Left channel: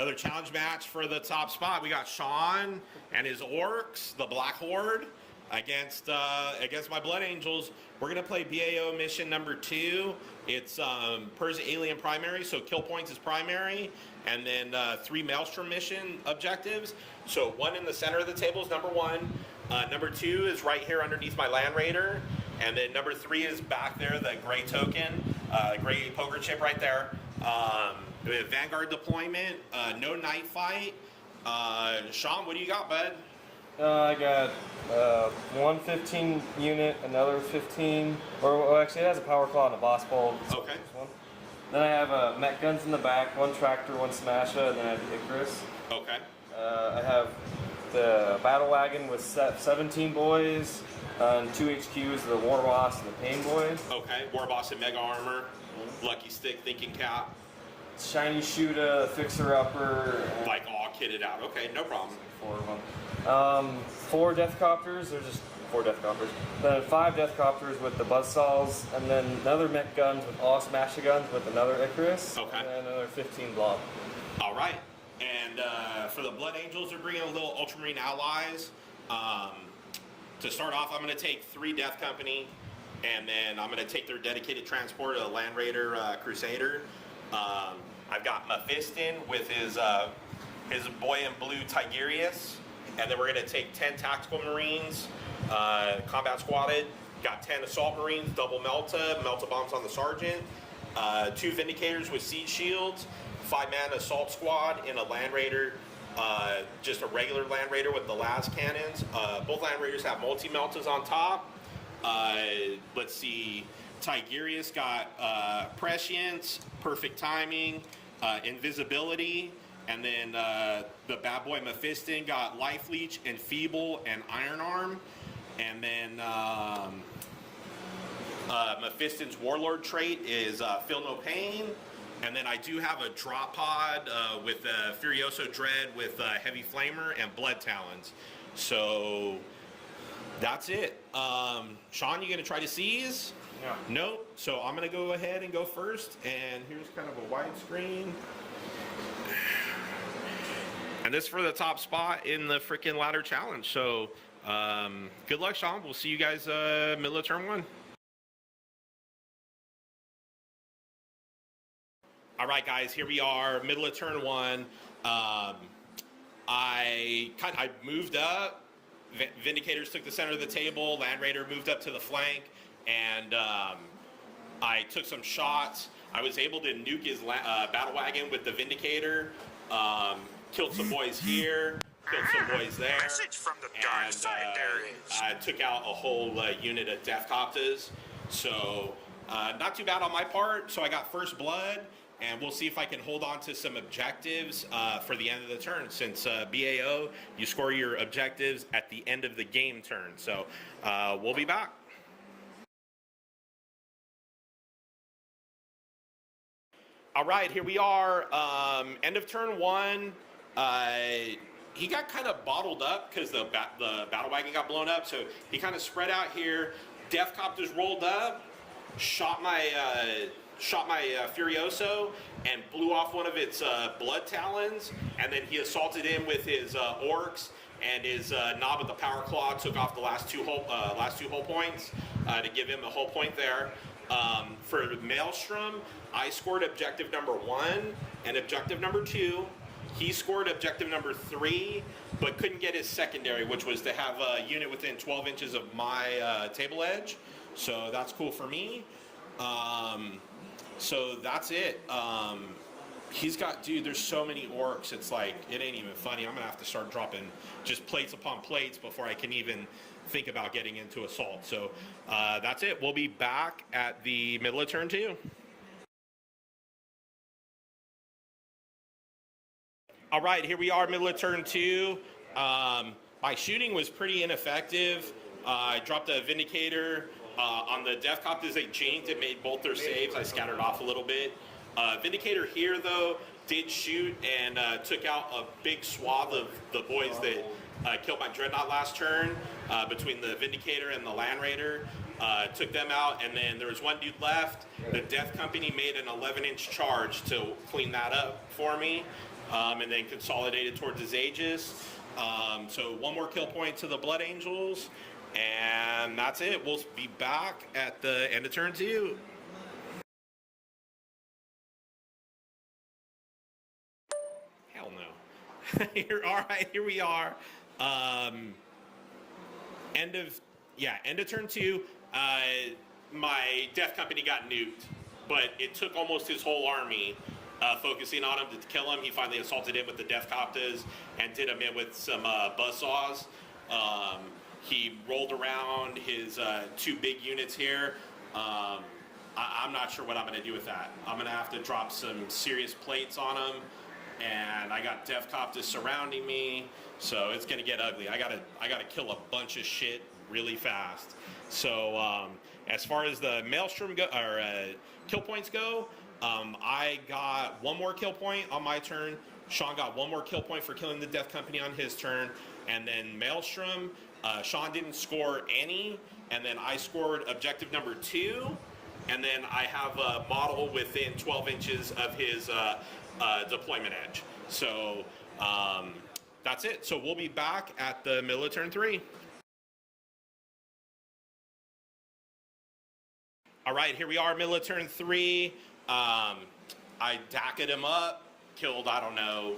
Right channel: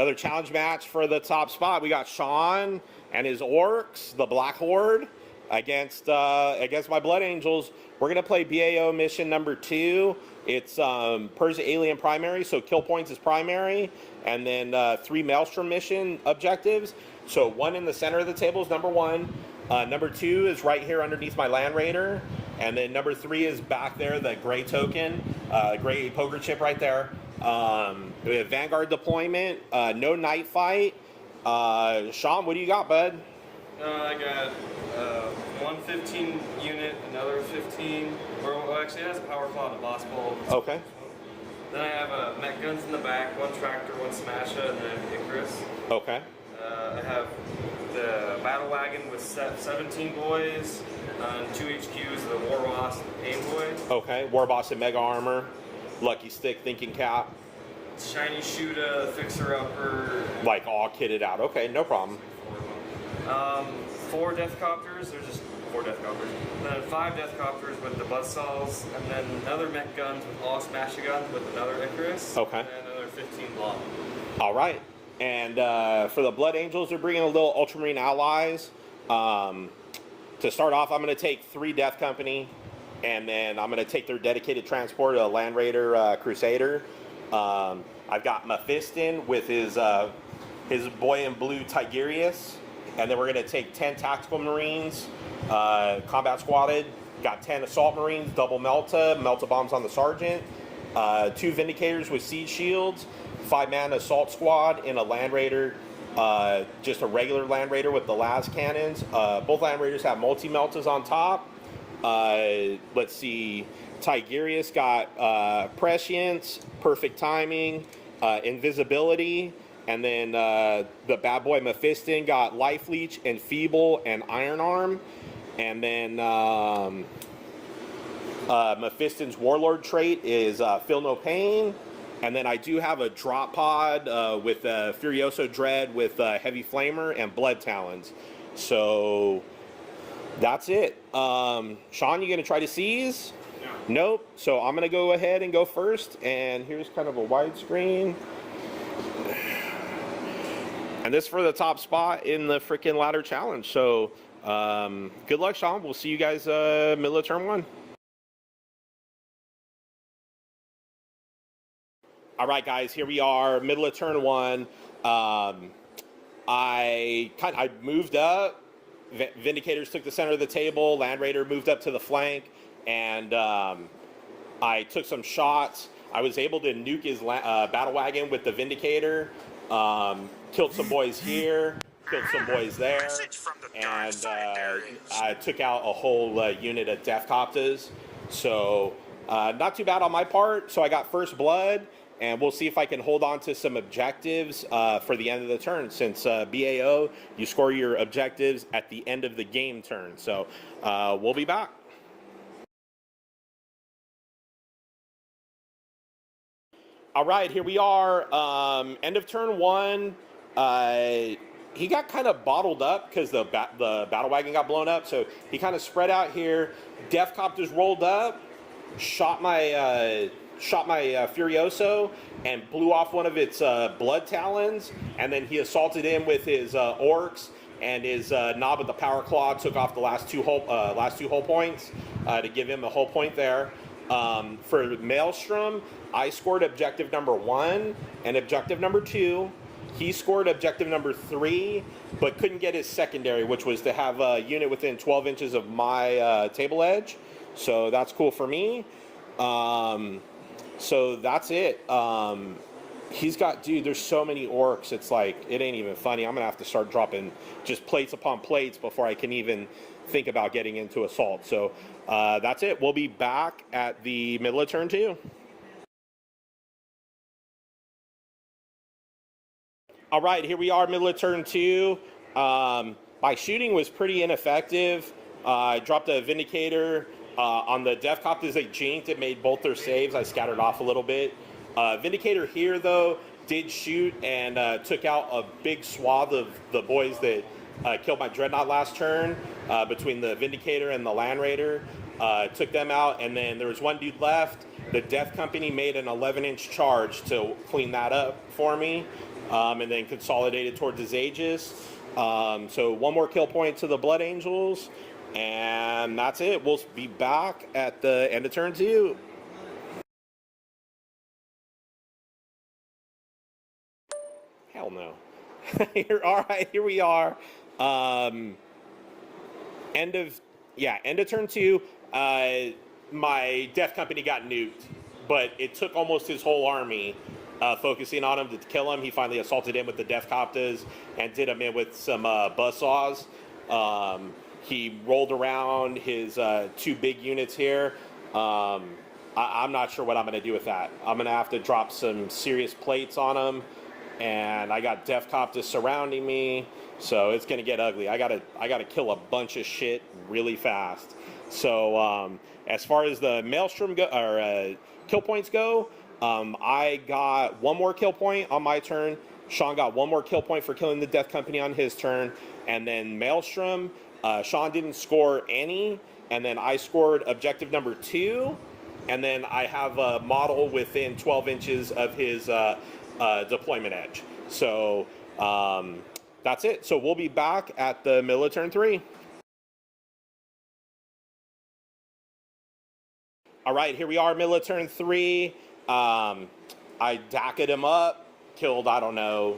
Another challenge match for the top spot. We got Sean and his Orks, the Black Horde, against my Blood Angels. We're going to play BAO mission number 2. It's Persia Alien primary, so kill points is primary, and then 3 Maelstrom mission objectives. So 1 in the center of the table is number 1. Number 2 is right here underneath my Land Raider, and then number 3 is back there, the gray token, gray poker chip right there. We have Vanguard deployment, no night fight. Sean, what do you got, bud? I got one 15 unit, another 15, or actually it has a power claw and a boss bolt. Okay. Then I have mech guns in the back, 1 tractor, 1 smasher, and then I have Icarus. Okay. I have the battle wagon with 17 boys, 2 HQs, the War Boss and the Pain Boy. Okay, War Boss and Mega Armor, Lucky Stick, Thinking Cap. Shiny Shooter, Fixer Upper. Like all kitted out. Okay, no problem. 4 of them. 4 Death Copters, there's just 4 Death Copters. Then 5 Death Copters with the Buzzsaws, and then another mech guns with all smasher guns with another Icarus. Okay. And another 15 block. All right. And for the Blood Angels, they're bringing a little Ultramarine allies. To start off, I'm going to take 3 Death Company, and then I'm going to take their dedicated transport, a Land Raider Crusader. I've got Mephiston with his boy in blue Tigurius, and then we're going to take 10 Tactical Marines, combat squatted. Got 10 Assault Marines, double Melta bombs on the Sergeant, 2 Vindicators with Siege Shields, 5-man Assault Squad, and a Land Raider, just a regular Land Raider with the las cannons. Both Land Raiders have multi-Meltas on top. Let's see, Tigurius got Prescience, Perfect Timing, Invisibility, and then the bad boy Mephiston got Life Leech, Enfeeble, and Iron Arm. And then Mephiston's Warlord trait is Feel No Pain. And then I do have a drop pod with Furioso Dread with Heavy Flamer and Blood Talons. So that's it. Sean, you going to try to seize? Yeah. Nope. So I'm going to go ahead and go first. And here's kind of a widescreen. And this for the top spot in the freaking ladder challenge. So good luck, Sean. We'll see you guys middle of turn 1. All right, guys, here we are, middle of turn 1. I moved up. Vindicators took the center of the table. Land Raider moved up to the flank, and I took some shots. I was able to nuke his battle wagon with the Vindicator. Killed some boys here. Killed some boys there. And I took out a whole unit of Death Copters. So not too bad on my part. So I got first blood. And we'll see if I can hold on to some objectives for the end of the turn. Since BAO, you score your objectives at the end of the game turn. So we'll be back. All right, here we are. End of turn 1. He got kind of bottled up because the battle wagon got blown up. So he kind of spread out here. Death Copters rolled up, shot my Furioso and blew off one of its Blood Talons, and then he assaulted him with his Orks, and his knob with the Power Claw took off the last two hull points to give him a whole point there. For Maelstrom, I scored objective number 1 and objective number 2. He scored objective number 3, but couldn't get his secondary, which was to have a unit within 12 inches of my table edge. So that's cool for me. So that's it. He's got, dude, there's so many Orks. It's like, it ain't even funny. I'm going to have to start dropping just plates upon plates before I can even think about getting into assault. So that's it. We'll be back at the middle of turn 2. All right, here we are, middle of turn 2. My shooting was pretty ineffective. I dropped a Vindicator. On the Death Copters, they jinked. It made both their saves. I scattered off a little bit. Vindicator here, though, did shoot and took out a big swath of the boys that killed my Dreadnought last turn between the Vindicator and the Land Raider. Took them out, and then there was one dude left. The Death Company made an 11-inch charge to clean that up for me. and then consolidated towards his Aegis. So one more kill point to the Blood Angels, and that's it. We'll be back at the end of turn 2. Hell no. All right, here we are. End of turn 2. My Death Company got nuked, but it took almost his whole army focusing on him to kill him. He finally assaulted him with the Death Coptas and did him in with some buzzsaws. He rolled around his 2 big units here. I'm not sure what I'm going to do with that. I'm going to have to drop some serious plates on him, and I got Death Coptas surrounding me, so it's going to get ugly. I gotta kill a bunch of shit really fast. So as far as the Maelstrom kill points go, I got 1 more kill point on my turn. Sean got 1 more kill point for killing the Death Company on his turn, and then Maelstrom, Sean didn't score any, and then I scored objective number 2, and then I have a model within 12 inches of his deployment edge. So that's it. So we'll be back at the middle of turn 3. All right, here we are, middle of turn 3. I dacked him up, killed, I don't know,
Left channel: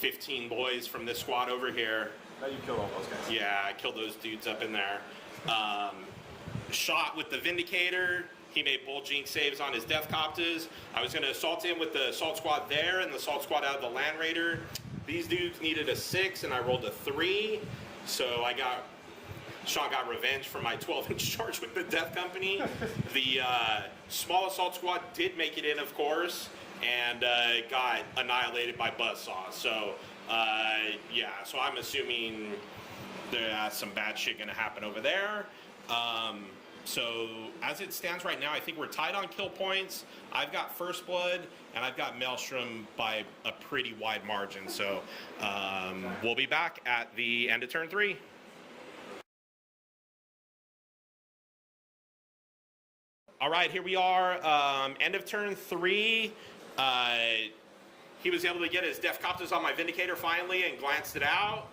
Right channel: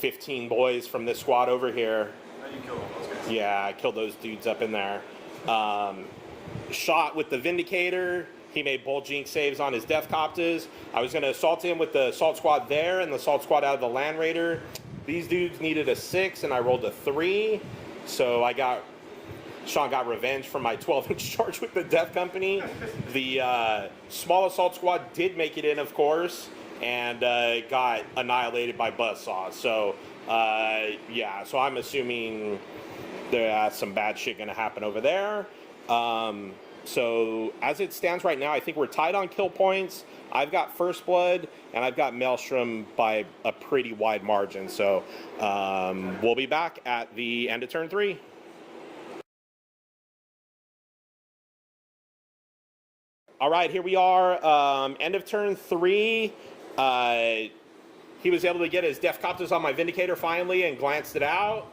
15 boys from this squad over here. How you kill all those guys? Yeah, I killed those dudes up in there. Shot with the Vindicator. He made bulging saves on his Death Coptas. I was going to assault him with the assault squad there and the assault squad out of the Land Raider. These dudes needed a 6, and I rolled a 3. So Sean got revenge for my 12-inch charge with the Death Company. The small assault squad did make it in, of course, and got annihilated by buzzsaws. So, yeah, so I'm assuming there's some bad shit going to happen over there. So, as it stands right now, I think we're tied on kill points. I've got First Blood, and I've got Maelstrom by a pretty wide margin. So, we'll be back at the end of turn 3. All right, here we are, end of turn 3. He was able to get his Death Coptas on my Vindicator finally and glanced it out.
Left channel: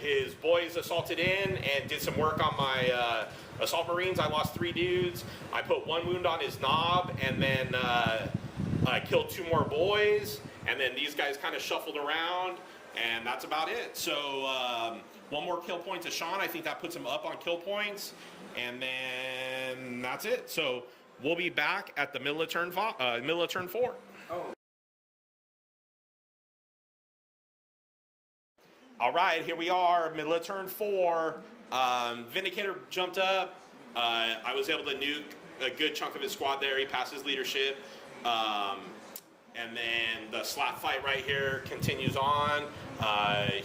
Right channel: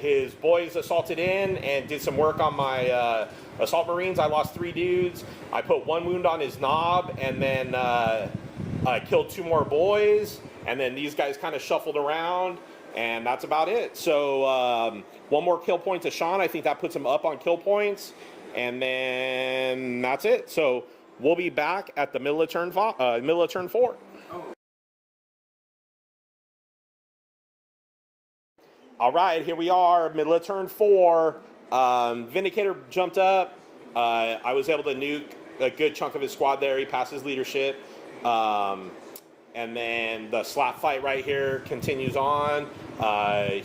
His boys assaulted in and did some work on my Assault Marines. I lost 3 dudes. I put 1 wound on his knob, and then killed 2 more boys. And then these guys kind of shuffled around, and that's about it. So 1 more kill point to Sean. I think that puts him up on kill points. And then that's it. So we'll be back at the middle of turn 4. Oh. All right, here we are, middle of turn 4. Vindicator jumped up. I was able to nuke a good chunk of his squad there. He passed his leadership. And then the slap fight right here continues on.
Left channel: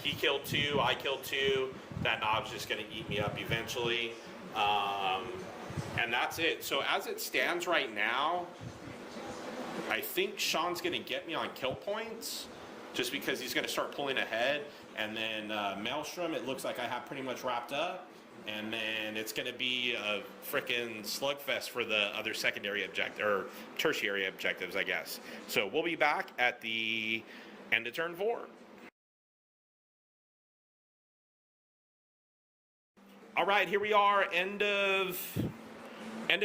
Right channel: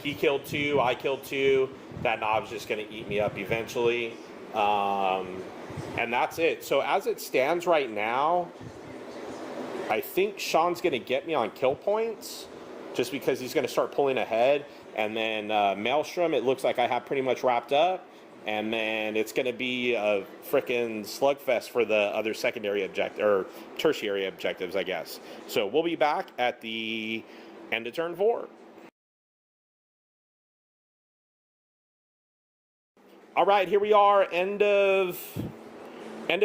He killed 2. I killed 2. That knob's just going to eat me up eventually. And that's it. So as it stands right now, I think Sean's going to get me on kill points just because he's going to start pulling ahead. And then Maelstrom, it looks like I have pretty much wrapped up. And then it's going to be a frickin' slugfest for the other secondary objective or tertiary objectives, I guess. So we'll be back at the end of turn 4. All right, here we are, end of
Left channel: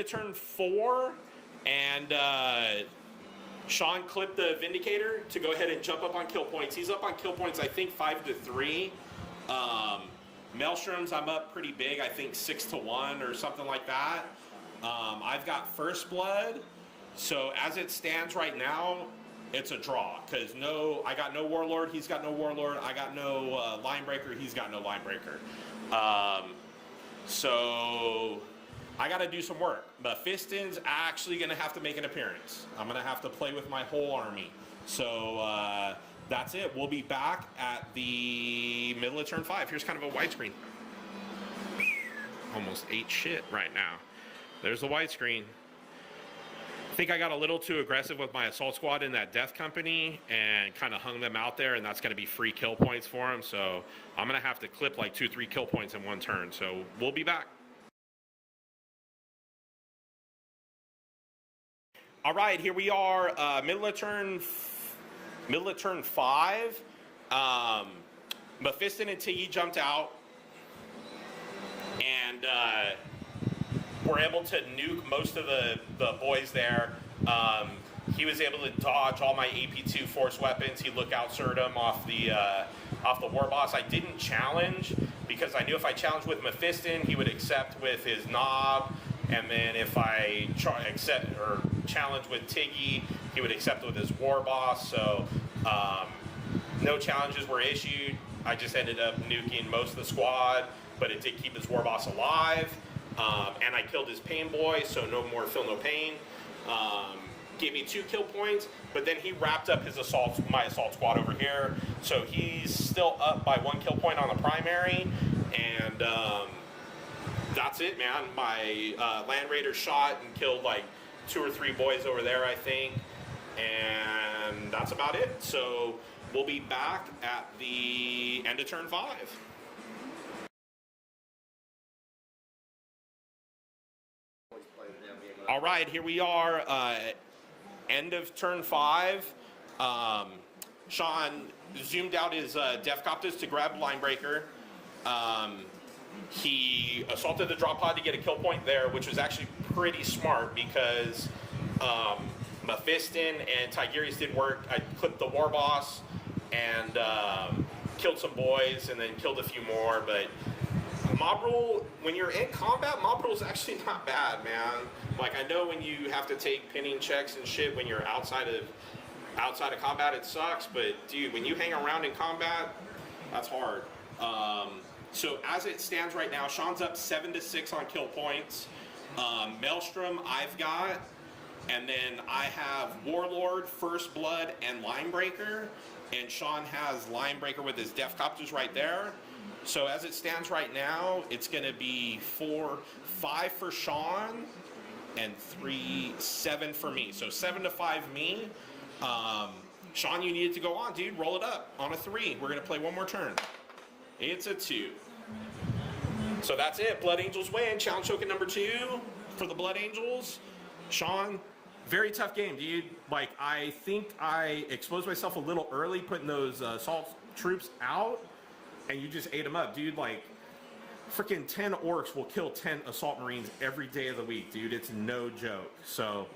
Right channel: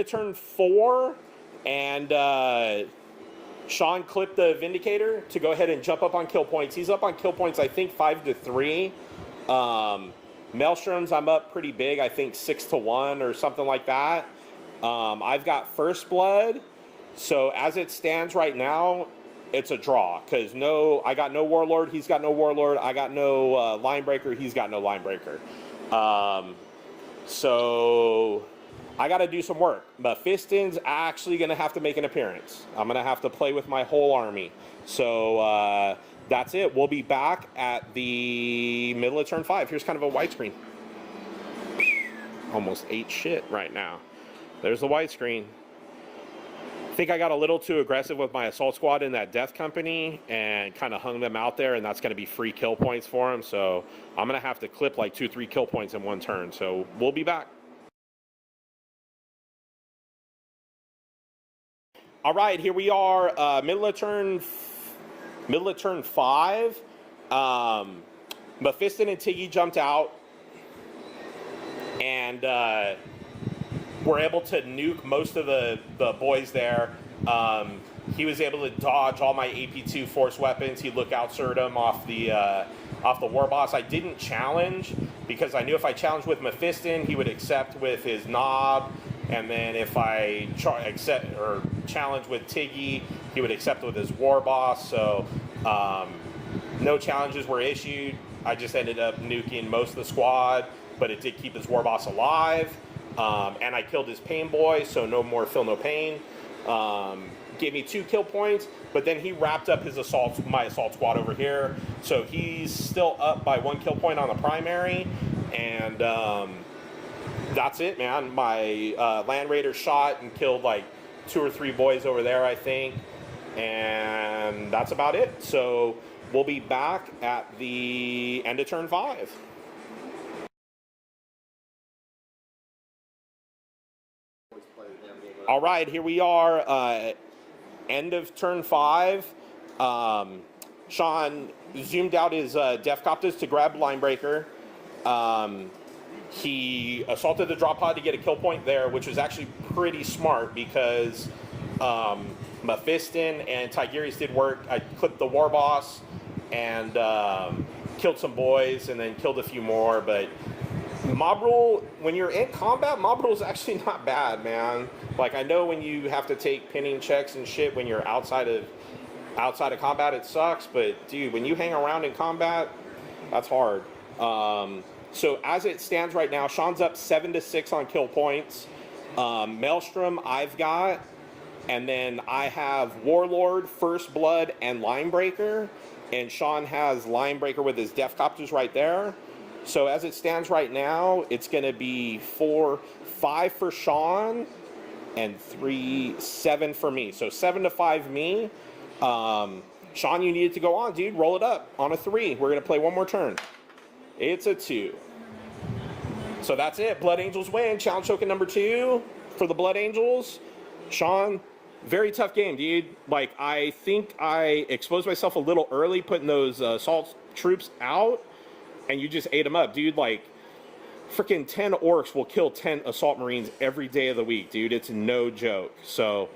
turn 4, and Sean clipped the Vindicator to go ahead and jump up on kill points. He's up on kill points, I think 5-3. Maelstrom's I'm up pretty big, I think 6-1 or something like that. I've got First Blood, so as it stands right now, it's a draw because I got no Warlord, he's got no Warlord, I got no Linebreaker, he's got no Linebreaker. So I got to do some work. But Fiston's actually going to have to make an appearance. I'm going to have to play with my whole army. So that's it. We'll be back at the middle of turn 5. Here's kind of a widescreen. Almost ate shit right now. There's the widescreen. I think I got a little too aggressive with my assault squad in that Death Company and kind of hung them out there, and that's going to be free kill points for them. So I'm going to have to clip like 2-3 kill points in one turn. So we'll be back. All right, here we are, middle of turn Middle of turn 5, Mephiston and Tiggy jumped out, and were able to nuke most of the boys there. He was able to dodge all my AP2 force weapons. He lookout-served them off the war boss. I didn't challenge because I knew if I challenged with Mephiston, he would accept with his knob, and then if I challenge with Tiggy, he would accept with his war boss. So no challenges were issued. I just ended up nuking most of the squad, but it did keep his war boss alive. And I killed his pain boy, so no more feel no pain. Gave me 2 kill points, but then he wrapped up his my assault squad over here. So he's still up by 1 kill point on a primary, and that's it, man. My Land Raider shot and killed like 2 or 3 boys over there, I think, and that's about it. So we'll be back at the end of turn 5. All right, here we are, end of turn 5. Sean zoomed out his Def Copters to grab Linebreaker. He assaulted the drop pod to get a kill point there, which was actually pretty smart because Mephiston and Tigurius did work. I clipped the war boss and killed some boys and then killed a few more, but mob rule, when you're in combat, mob rule is actually not bad, man. Like, I know when you have to take pinning checks and shit when you're outside of combat, it sucks, but dude, when you hang around in combat, that's hard. So as it stands right now, Sean's up 7-6 on kill points. Maelstrom I've got, and then I have Warlord, First Blood, and Linebreaker, and Sean has Linebreaker with his Def Copters right there. So as it stands right now, it's going to be 5 for Sean and 7 for me. So 7-5 me. Sean, you needed to go on, dude. Roll it up on a 3. We're going to play one more turn. It's a 2. So that's it. Blood Angels win. Challenge token number 2 for the Blood Angels. Sean, very tough game, dude. Like, I think I exposed myself a little early putting those assault troops out, and you just ate them up, dude. Like, freaking 10 orcs will kill 10 assault marines every day of the week, dude. It's no joke. So,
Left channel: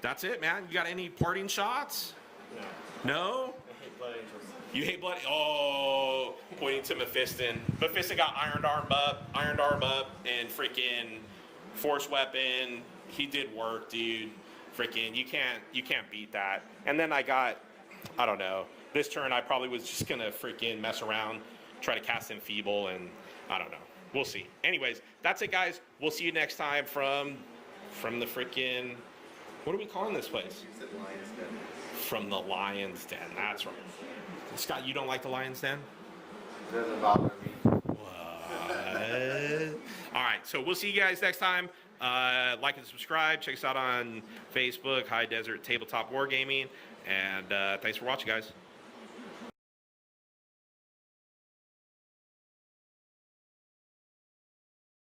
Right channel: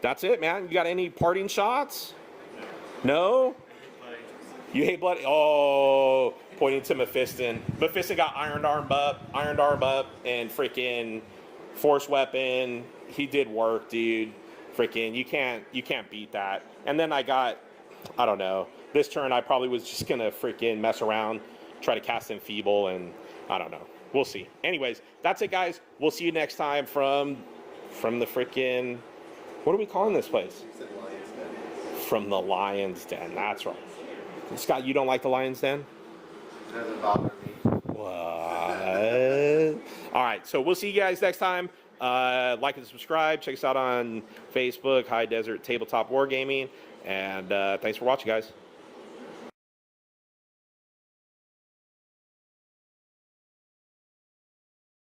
that's it, man. You got any parting shots? No? You hate blood? Oh, pointing to Mephiston. Mephiston got ironed arm up, and freaking force weapon. He did work, dude. Freaking, you can't beat that. And then I don't know. This turn I probably was just gonna freaking mess around, try to cast Enfeeble, and I don't know. We'll see. Anyways, that's it, guys. We'll see you next time from the freaking, what are we calling this place? Lion's Den. From the Lion's Den. That's right. Scott, you don't like the Lion's Den? It doesn't bother me. What? All right, so we'll see you guys next time. Like and subscribe. Check us out on Facebook, High Desert Tabletop Wargaming. And thanks for watching, guys.